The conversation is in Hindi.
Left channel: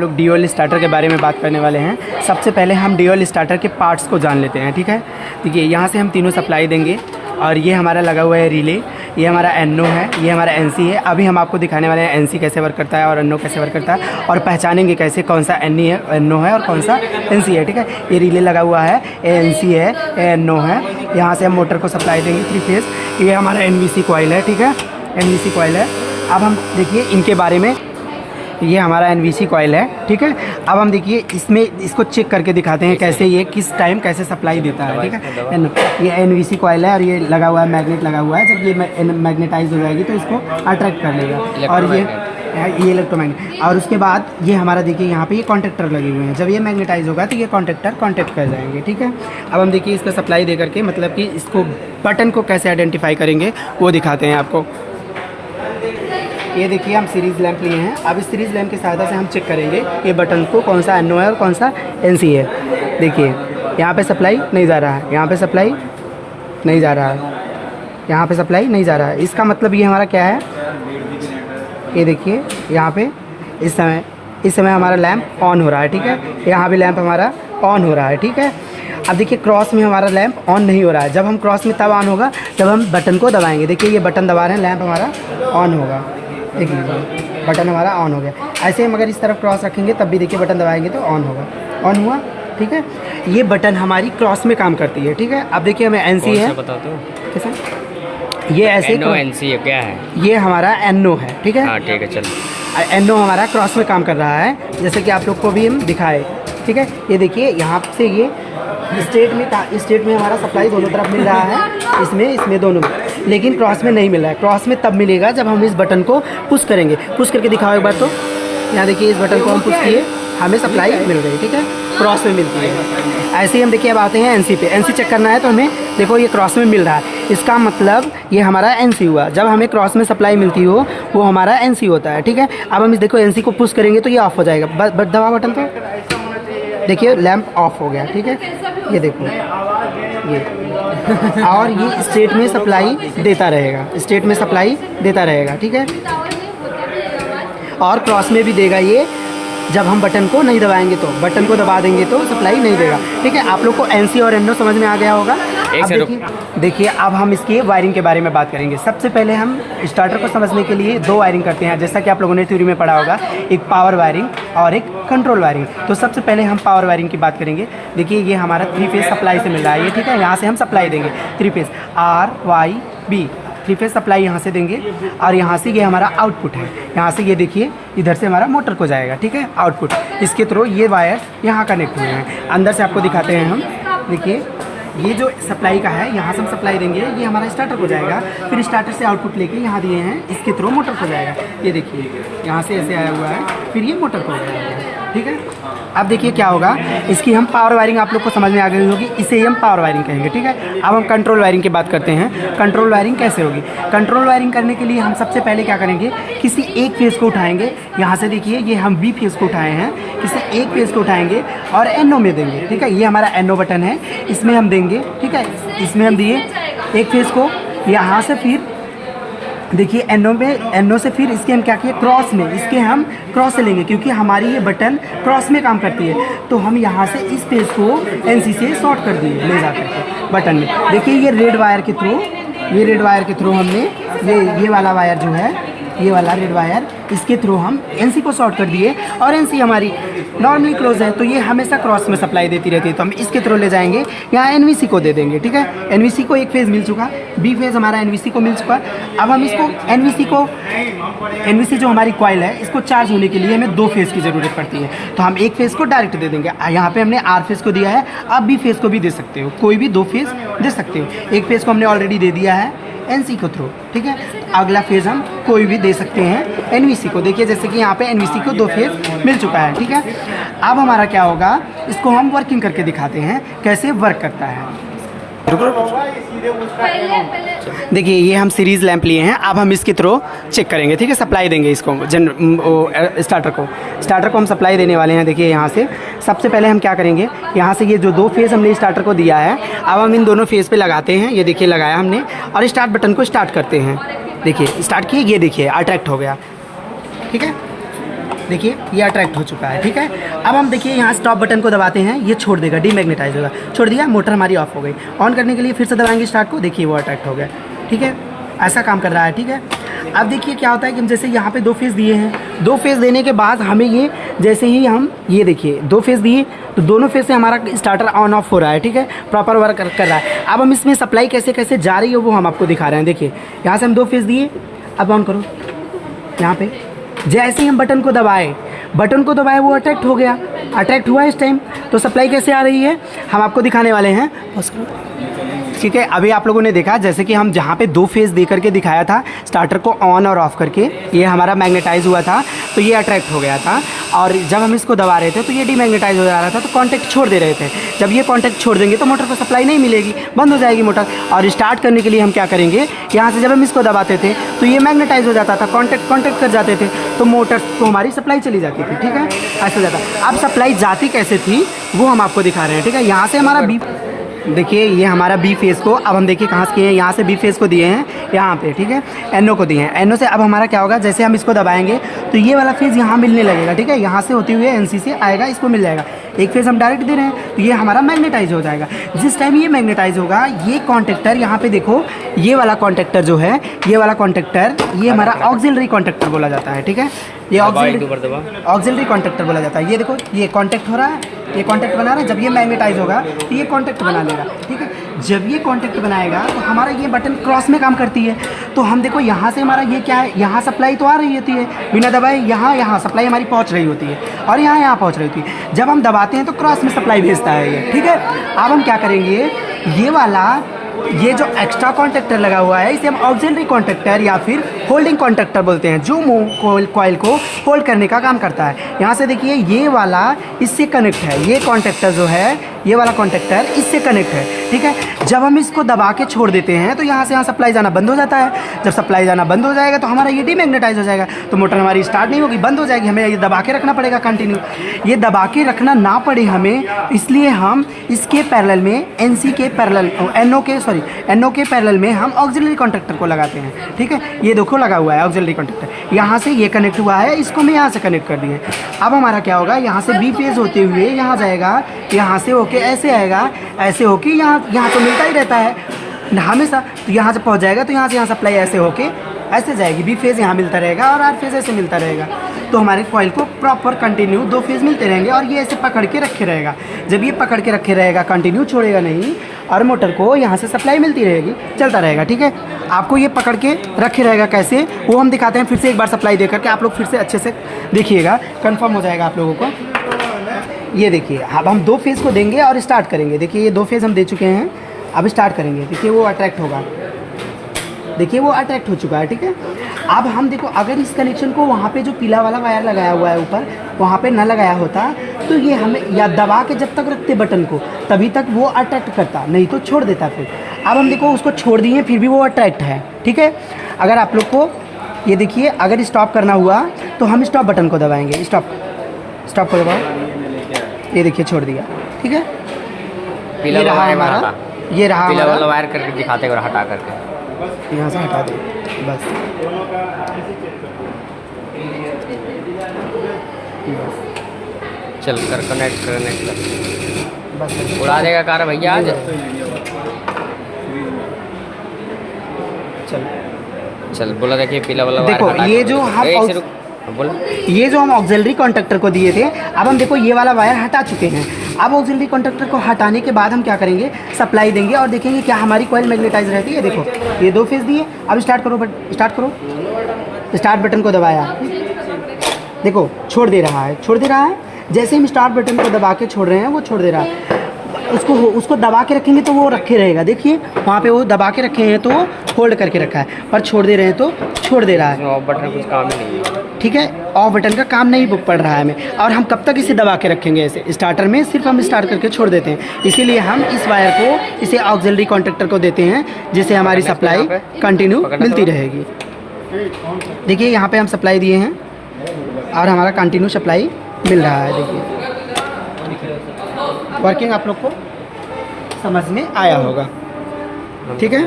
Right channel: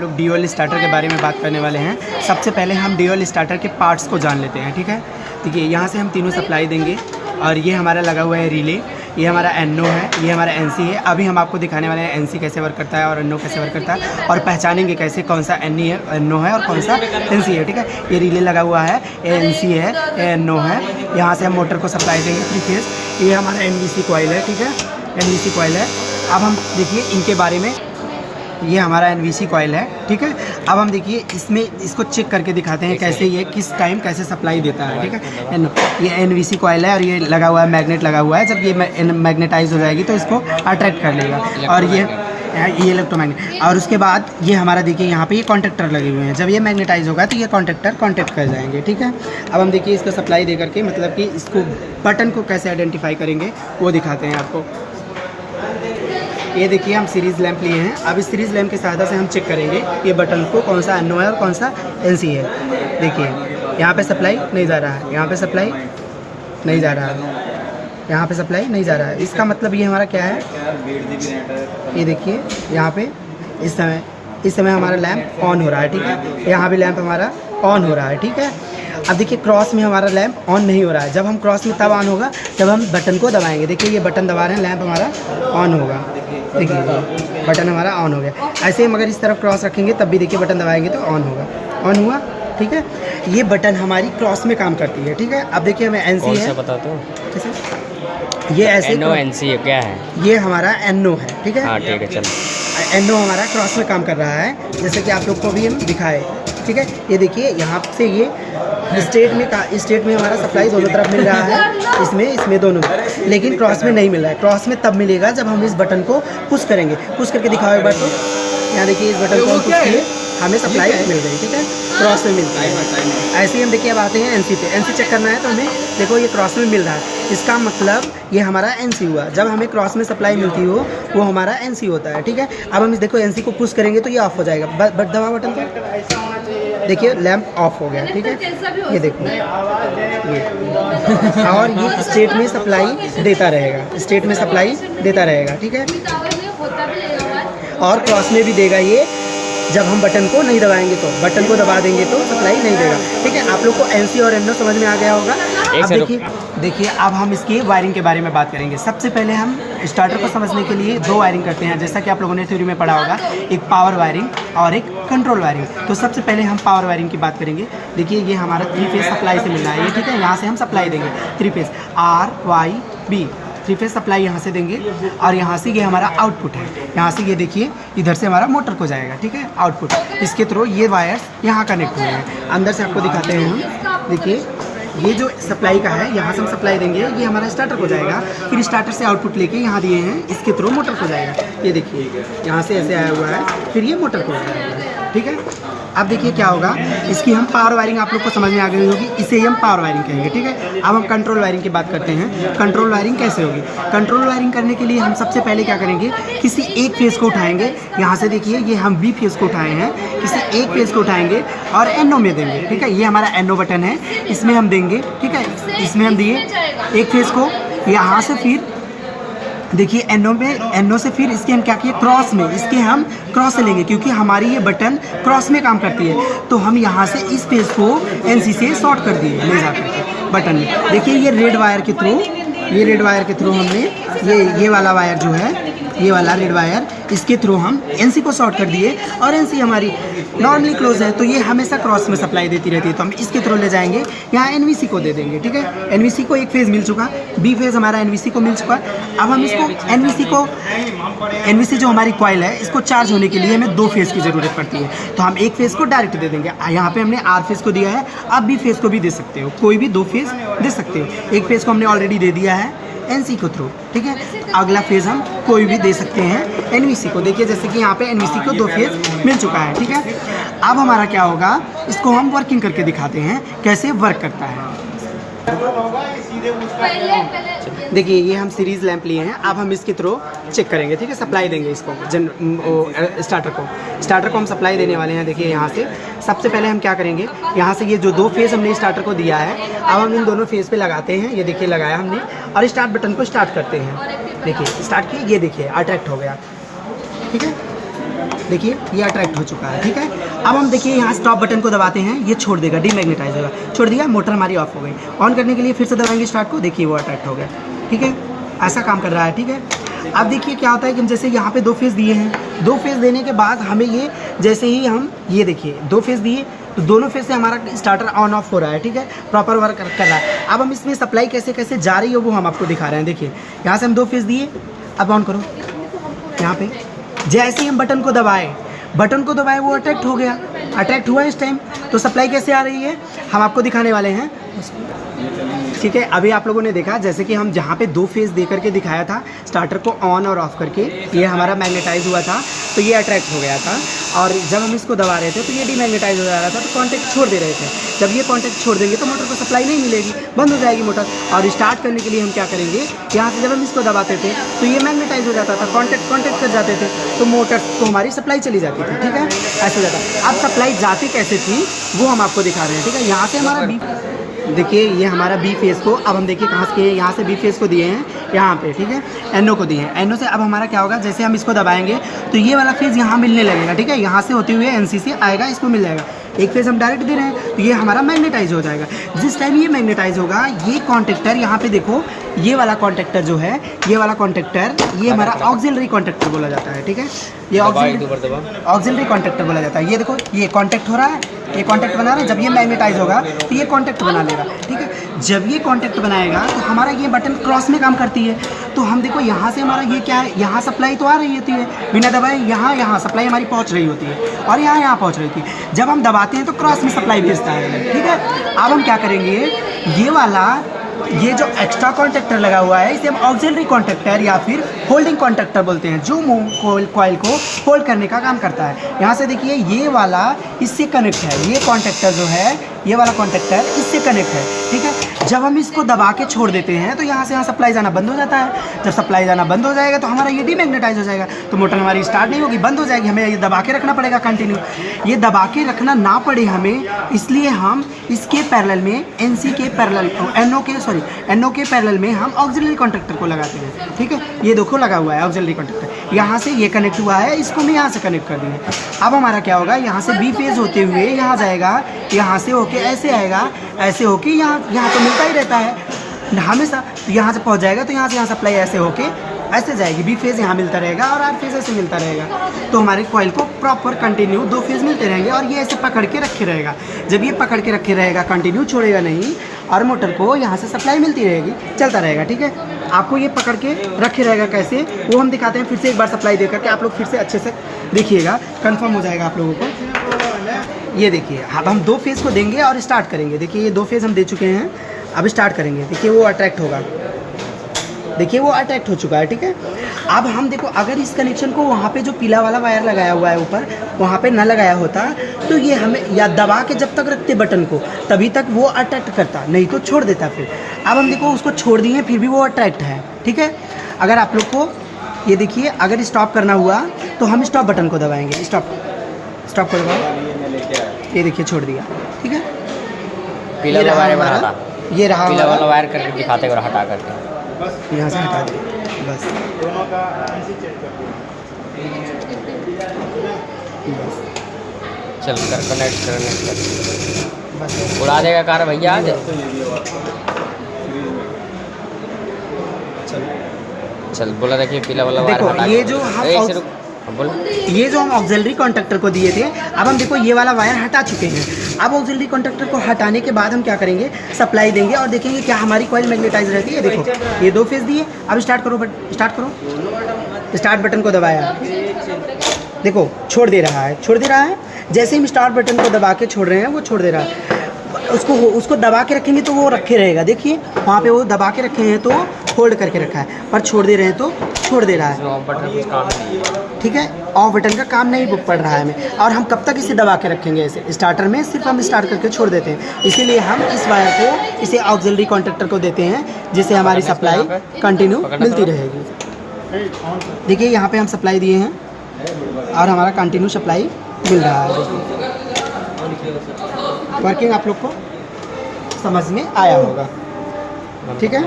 लोग ड्यूल स्टार्टर के बारे में बात करने वाले हैं। सबसे पहले हम ड्यूल स्टार्टर के पार्ट्स को जान लेते हैं, ठीक है। देखिए यहाँ से हम तीनों सप्लाई देंगे और ये हमारा लगा हुआ है रिले, ये हमारा एनो है, ये हमारा एनसी है। अभी हम आपको दिखाने वाले हैं एनसी कैसे वर्क करता है और एनो कैसे वर्क करता है और पहचानेंगे कैसे कौन सा एनो है और कौन सा एनसी है, ठीक है। ये रिले लगा हुआ है, एनसी है, एनो है। यहाँ से हम मोटर को सप्लाई देंगे 3 फेज। ये हमारा एनवीसी कॉइल है, ठीक है, एनवीसी कॉइल है। अब हम देखिए इनके बारे में, ये हमारा एनवीसी कॉइल है, ठीक है। अब हम देखिए इसमें इसको चेक करके दिखाते हैं कैसे ये किस टाइम कैसे सप्लाई देता है, ठीक है। ये एनवीसी कॉइल है और ये लगा हुआ है, मैग्नेट लगा हुआ है। जब ये मैग्नेटाइज हो जाएगी तो इसको अट्रैक्ट कर लेगा और ये इलेक्ट्रोमैग्नेट। और उसके बाद ये हमारा देखिए यहाँ पे ये कॉन्टेक्टर लगे हुए हैं। जब ये मैग्नेटाइज होगा तो ये कॉन्टेक्टर कॉन्टेक्ट कर जाएंगे, ठीक है। अब हम देखिए इसको सप्लाई दे करके मतलब कि इसको बटन को कैसे आइडेंटिफाई करेंगे वो दिखाते हैं आपको। ये देखिए हम सीरीज़ लैंप लिए हैं। अब इस सीरीज़ लैंप की सहायता से हम चेक करेंगे ये बटन को कौन सा एनो है और कौन सा एनसी है। देखिए यहाँ पे सप्लाई नहीं जा रहा है, यहाँ पे सप्लाई नहीं जा रहा है, यहाँ पे सप्लाई नहीं जा रहा है। इसका मतलब ये हमारा क्या है, ये देखिए यहाँ पे इस समय हमारा लैंप ऑन हो रहा है, ठीक है। यहाँ भी लैंप हमारा ऑन हो रहा है, ठीक है। अब देखिए क्रॉस में हमारा लैंप ऑन नहीं हो रहा है। जब हम क्रॉस में तब ऑन होगा जब हम बटन को दबाएंगे। देखिए ये बटन दबा रहे हैं, लैंप हमारा ऑन होगा। देखिए बटन हमारा ऑन हो गया। ऐसे हम अगर इस तरफ क्रॉस रखेंगे तब भी देखिए बटन दबाएंगे तो ऑन होगा, ऑन हुआ, ठीक है। ये बटन हमारी क्रॉस में काम करती है, ठीक है। अब देखिए हमें एनसी है, बता दो कैसे ये ऐसे एनो एनसी है, क्या है ये हमारा एनो है, ठीक है। हाँ ठीक है, चलो। एनो हमारा क्रॉस में काम कर रहा है, जैसे कि आप लोग को भी हम दिखाए, ठीक है। ये देखिए यहाँ से ये स्टेट में हमारा सप्लाई दोनों तरफ मिल रहा है, इसमें दोनों में, लेकिन क्रॉस में नहीं मिल रहा है। क्रॉस में तब मिलेगा जब हम इस बटन को पुश करेंगे। पुश करके दिखाओ एक बार। तो यहाँ देखिए इस बटन को हम पुश किए, हमें सप्लाई मिल गई, ठीक है, क्रॉस में मिलती है। ऐसे ही हम देखिए अब आते हैं एनसी पे। एनसी चेक करना है तो हमें देखो ये क्रॉस में मिल रहा है, इसका मतलब ये हमारा एनसी हुआ। जब हमें क्रॉस में सप्लाई मिलती हो वो हमारा एनसी होता है, ठीक है। अब हम इस देखो एनसी को पुश करेंगे तो ये ऑफ हो जाएगा। दबा बटन पे, देखिए लैंप ऑफ हो गया, ठीक है। ये देखो ये और ये स्टेट में सप्लाई देता रहेगा, स्टेट में सप्लाई देता रहेगा, ठीक है। और क्रॉस में भी देगा ये जब हम बटन को नहीं दबाएंगे तो। बटन को दबा देंगे तो सप्लाई नहीं देगा, ठीक है। आप लोग को एनसी और एनो समझ में आ गया होगा। देखिए अब हम इसकी वायरिंग के बारे में बात करेंगे। सबसे पहले हम स्टार्टर को समझने के लिए 2 वायरिंग करते हैं, जैसा कि आप लोगों ने थ्योरी में पढ़ा होगा, एक पावर वायरिंग और एक कंट्रोल वायरिंग। तो सबसे पहले हम पावर वायरिंग की बात करेंगे। देखिए ये हमारा 3 फेज सप्लाई से मिल रहा है, ये ठीक है। यहाँ से हम सप्लाई देंगे 3 फेज RYB 3 फेज सप्लाई यहाँ से देंगे और यहाँ से ये हमारा आउटपुट है। यहाँ से ये देखिए इधर से हमारा मोटर को जाएगा, ठीक है, आउटपुट। इसके थ्रू ये वायर्स यहाँ कनेक्ट हुए हैं। अंदर से आपको दिखाते हैं हम। देखिए ये जो सप्लाई का है, यहाँ से हम सप्लाई देंगे, ये हमारा स्टार्टर को जाएगा, फिर स्टार्टर से आउटपुट लेके यहाँ दिए हैं, इसके थ्रू मोटर को जाएगा। ये देखिए यहाँ से ऐसे आया हुआ है, फिर ये मोटर को जाएगा, ठीक है। अब देखिए क्या होगा, इसकी हम पावर वायरिंग आप लोग को समझ में आ गई होगी, इसे हम पावर वायरिंग कहेंगे, ठीक है। अब हम कंट्रोल वायरिंग की बात करते हैं। कंट्रोल वायरिंग कैसे होगी? कंट्रोल वायरिंग करने के लिए हम सबसे पहले क्या करेंगे, किसी एक फेज को उठाएंगे। यहाँ से देखिए ये हम बी फेज को उठाए हैं, किसी एक फेज को उठाएंगे और एनो में देंगे, ठीक है। ये हमारा एनो बटन है, इसमें हम देंगे, ठीक है। इसमें हम दिए एक फेज को, यहाँ से फिर देखिए एनो से फिर इसके हम क्या किए, क्रॉस में, इसके हम क्रॉस से लेंगे क्योंकि हमारी ये बटन क्रॉस में काम करती है। तो हम यहाँ से इस पेज को एनसी से शॉर्ट कर दिए ले जाकर बटन में। देखिए ये रेड वायर के थ्रू हमने ये वाला वायर जो है, ये वाला रेड वायर, इसके थ्रू हम एनसी को शॉर्ट कर दिए और एनसी हमारी नॉर्मली क्लोज है तो ये हमेशा क्रॉस में सप्लाई देती रहती है। तो हम इसके थ्रू ले जाएंगे, यहाँ एनवीसी को दे देंगे, ठीक है। एनवीसी को एक फेज़ मिल चुका, बी फेज़ हमारा एनवीसी को मिल चुका। अब हम इसको एनवीसी जो हमारी कॉइल है, इसको चार्ज होने के लिए हमें 2 फेज़ की ज़रूरत पड़ती है। तो हम एक फेज़ को डायरेक्ट दे देंगे। यहाँ पे हमने आर फेज़ को दिया है, आप बी फेज़ को भी दे सकते हो, कोई भी 2 फेज़ दे सकते हो। एक फेज़ को हमने ऑलरेडी दे दिया है एनसी को थ्रू, ठीक है। अगला फेज़ हम कोई भी दे सकते हैं एनवीसी को। देखिए जैसे कि यहाँ पे एनवीसी को 2 फेज़ मिल चुका है, ठीक है। अब हमारा क्या होगा, इसको हम वर्किंग करके दिखाते हैं कैसे वर्क करता है। देखिए ये हम सीरीज़ लैंप लिए हैं, अब हम इसके थ्रू चेक करेंगे, ठीक है। सप्लाई देंगे इसको स्टार्टर को हम सप्लाई देने वाले हैं। देखिए यहाँ से सबसे पहले हम क्या करेंगे, यहाँ से ये जो 2 फेज़ हमने स्टार्टर को दिया है, अब हम इन दोनों फेज़ पे लगाते हैं। ये देखिए लगाया हमने और स्टार्ट बटन को स्टार्ट करते हैं। देखिए स्टार्ट किए, ये देखिए अट्रैक्ट हो गया, ठीक है। देखिए ये अट्रैक्ट हो चुका है, ठीक है। अब हम देखिए यहाँ स्टॉप बटन को दबाते हैं, ये छोड़ देगा, डीमैग्नेटाइज होगा, छोड़ दिया, मोटर हमारी ऑफ हो गई। ऑन करने के लिए फिर से दबाएंगे स्टार्ट को, देखिए वो अट्रैक्ट हो गया, ठीक है। ऐसा काम कर रहा है, ठीक है। अब देखिए क्या होता है कि हम जैसे यहाँ पे 2 फेज़ दिए हैं, 2 फेज़ देने के बाद हमें ये जैसे ही हम ये देखिए 2 फेज़ दिए तो दोनों फेज़ से हमारा स्टार्टर ऑन ऑफ हो रहा है, ठीक है, प्रॉपर वर्क कर रहा है। अब हम इसमें सप्लाई कैसे कैसे जा रही है वो हम आपको दिखा रहे हैं। देखिए यहाँ से हम 2 फेज़ दिए, अब ऑन करो, यहाँ पे जैसे ही हम बटन को दबाए वो अट्रैक्ट हो गया, अट्रैक्ट हुआ इस टाइम। तो सप्लाई कैसे आ रही है हम आपको दिखाने वाले हैं, ठीक है। अभी आप लोगों ने देखा जैसे कि हम जहाँ पे 2 फेज़ दे करके दिखाया था स्टार्टर को ऑन और ऑफ करके, ये हमारा मैग्नेटाइज हुआ था तो ये अट्रैक्ट हो गया था। और जब हम इसको दबा रहे थे तो ये डीमैग्नेटाइज हो जा रहा था, तो कांटेक्ट छोड़ दे रहे थे। जब ये कांटेक्ट छोड़ देंगे तो मोटर को सप्लाई नहीं मिलेगी, बंद हो जाएगी मोटर। और स्टार्ट करने के लिए हम क्या करेंगे, यहाँ से जब हम इसको दबाते थे तो ये मैग्नेटाइज हो जाता था, कांटेक्ट कर जाते थे, तो मोटर को हमारी सप्लाई चली जाती थी, ठीक है, ऐसा हो जाता। अब सप्लाई जाती कैसे थी वो हम आपको दिखा रहे हैं, ठीक है। यहाँ से हमारा बी, देखिए ये हमारा बी फेज़ को अब हम देखिए कहाँ से, यहाँ से बी फेज़ को दिए हैं यहाँ पे, ठीक है, एनओ को दिए हैं। एनओ से अब हमारा क्या होगा, जैसे हम इसको दबाएंगे तो ये वाला फेज़ यहाँ मिलने लगेगा, ठीक है, यहाँ से होते हुए एनसी से आएगा, इसको मिल जाएगा। एक फेज़ हम डायरेक्ट दे रहे हैं तो ये हमारा मैग्नेटाइज हो जाएगा। जिस टाइम ये मैग्नेटाइज होगा ये कॉन्टेक्टर, यहाँ पे देखो ये वाला कॉन्टेक्टर जो है, ये वाला कॉन्टेक्टर ये हमारा ऑक्सिलरी कॉन्टेक्टर बोला जाता है, ठीक है। ये ऑक्सिलरी कॉन्टेक्टर बोला जाता है। ये देखो ये कॉन्टेक्ट हो रहा है, ये कॉन्टेक्ट बना रहा है, जब ये मैग्नेटाइज होगा तो ये कॉन्टेक्ट बना लेगा, ठीक है। जब ये कॉन्टेक्ट बनाएगा तो हमारा ये बटन क्रॉस में काम करती है। तो हम देखो यहाँ से हमारा ये क्या है, यहाँ सप्लाई तो आ रही होती है बिना दबाए, यहाँ सप्लाई हमारी पहुँच रही होती है और यहाँ पहुँच रही थी। जब हम दबाते हैं तो क्रॉस में सप्लाई भेजता है ये, ठीक है। अब हम क्या करेंगे, ये वाला ये जो एक्स्ट्रा कॉन्टेक्टर लगा हुआ है इसे हम ऑक्सिलरी कॉन्टेक्टर या फिर होल्डिंग कॉन्टेक्टर बोलते हैं, जो कॉइल को होल्ड करने का काम करता है। यहाँ से देखिए ये वाला इससे कनेक्ट है, ये कॉन्टेक्टर जो है ये वाला कॉन्टेक्टर इससे कनेक्ट है, ठीक है। जब हम इसको दबा के छोड़ देते हैं तो यहाँ से यहाँ सप्लाई जाना बंद हो जाता है। जब सप्लाई जाना बंद हो जाएगा तो हमारा ये डीमैग्नेटाइज हो जाएगा, तो मोटर हमारी स्टार्ट नहीं होगी, बंद हो जाएगी। हमें ये दबा के रखना पड़ेगा कंटिन्यू। ये दबा के रखना ना पड़े हमें, इसलिए हम इसके पैरेलल में एनसी के पैरेलल एनओ के पैरेलल में हम ऑक्सिलरी कॉन्टेक्टर को लगाते हैं, ठीक है। ये देखो लगा हुआ है ऑक्सिलरी कॉन्टेक्टर, यहाँ से ये कनेक्ट हुआ है, इसको मैं यहाँ से कनेक्ट कर दिए। अब हमारा क्या होगा, यहाँ से बी फेज होते हुए यहाँ जाएगा, यहाँ से होके ऐसे आएगा, ऐसे होके यहाँ पे मिलता ही रहता है हमेशा। यहाँ से पहुँच जाएगा तो यहाँ से यहाँ सप्लाई ऐसे होके ऐसे जाएगी, बी फेज़ यहाँ मिलता रहेगा और आर फेज़ ऐसे मिलता रहेगा। तो हमारे कॉइल को प्रॉपर कंटिन्यू 2 फेज़ मिलते रहेंगे और ये ऐसे पकड़ के रखे रहेगा। जब ये पकड़ के रखे रहेगा कंटिन्यू छोड़ेगा नहीं और मोटर को यहाँ से सप्लाई मिलती रहेगी, चलता रहेगा, ठीक है। आपको ये पकड़ के रखे रहेगा कैसे वो हम दिखाते हैं। फिर से एक बार सप्लाई दे करके आप लोग फिर से अच्छे से देखिएगा, कंफर्म हो जाएगा आप लोगों को। ये देखिए अब हम 2 फेज़ को देंगे और स्टार्ट करेंगे। देखिए ये 2 फेज़ हम दे चुके हैं, अब स्टार्ट करेंगे। देखिए वो अट्रैक्ट होगा, देखिए वो अट्रैक्ट हो चुका है, ठीक है। अब हम देखो अगर इस कनेक्शन को वहाँ पे जो पीला वाला वायर लगाया हुआ है ऊपर वहाँ पे न लगाया होता तो ये हमें या दबा के जब तक रखते बटन को तभी तक वो अट्रैक्ट करता, नहीं तो छोड़ देता फिर। अब हम देखो उसको छोड़ दिए फिर भी वो अट्रैक्ट है, ठीक है। अगर आप लोग को ये देखिए अगर स्टॉप करना हुआ तो हम स्टॉप बटन को दबाएंगे, स्टॉप को दबाओ, ये देखिए छोड़ दिया, ठीक है। पीला वाला वायर बनाता, ये रहा पीला वाला वायर करके दिखाते और हटा करके यहाँ से हटा दे बस। चल कर कनेक्ट कर उड़ा देगा कार भैया आज। चल बोला देखिए पीला वाला वायर हटा। ये जो हम ऑक्सिलरी कॉन्टेक्टर को दिए थे, अब हम देखो ये वाला वायर हटा चुके हैं। अब ऑक्सिलरी कॉन्टेक्टर को हटाने के बाद हम क्या करेंगे, सप्लाई देंगे और देखेंगे क्या हमारी कॉइल मैग्नेटाइज रहती है। देखो ये 2 फेज़ दिए, अब स्टार्ट करो, स्टार्ट बटन को दबाया, देखो छोड़ दे रहा है। जैसे हम स्टार्ट बटन को दबा के छोड़ रहे हैं वो छोड़ दे रहा है। उसको दबा के रखेंगे तो वो रखे रहेगा, देखिए वहाँ पे वो दबा के रखे हैं तो होल्ड करके रखा है, पर छोड़ दे रहे हैं तो छोड़ दे रहा है। ऑफ बटन कुछ काम नहीं है, ठीक है, ऑफ बटन का काम नहीं पड़ रहा है हमें। और हम कब तक इसे दबा के रखेंगे, ऐसे स्टार्टर में सिर्फ हम स्टार्ट करके छोड़ देते हैं। इसीलिए हम इस वायर को इसे ऑक्सिलरी कॉन्टेक्टर को देते हैं जिससे हमारी सप्लाई कंटिन्यू मिलती रहेगी। देखिए यहाँ पे हम सप्लाई दिए हैं और हमारा कंटिन्यू सप्लाई मिल रहा है। देखिए वर्किंग आप लोग को समझ में आया होगा, ठीक है।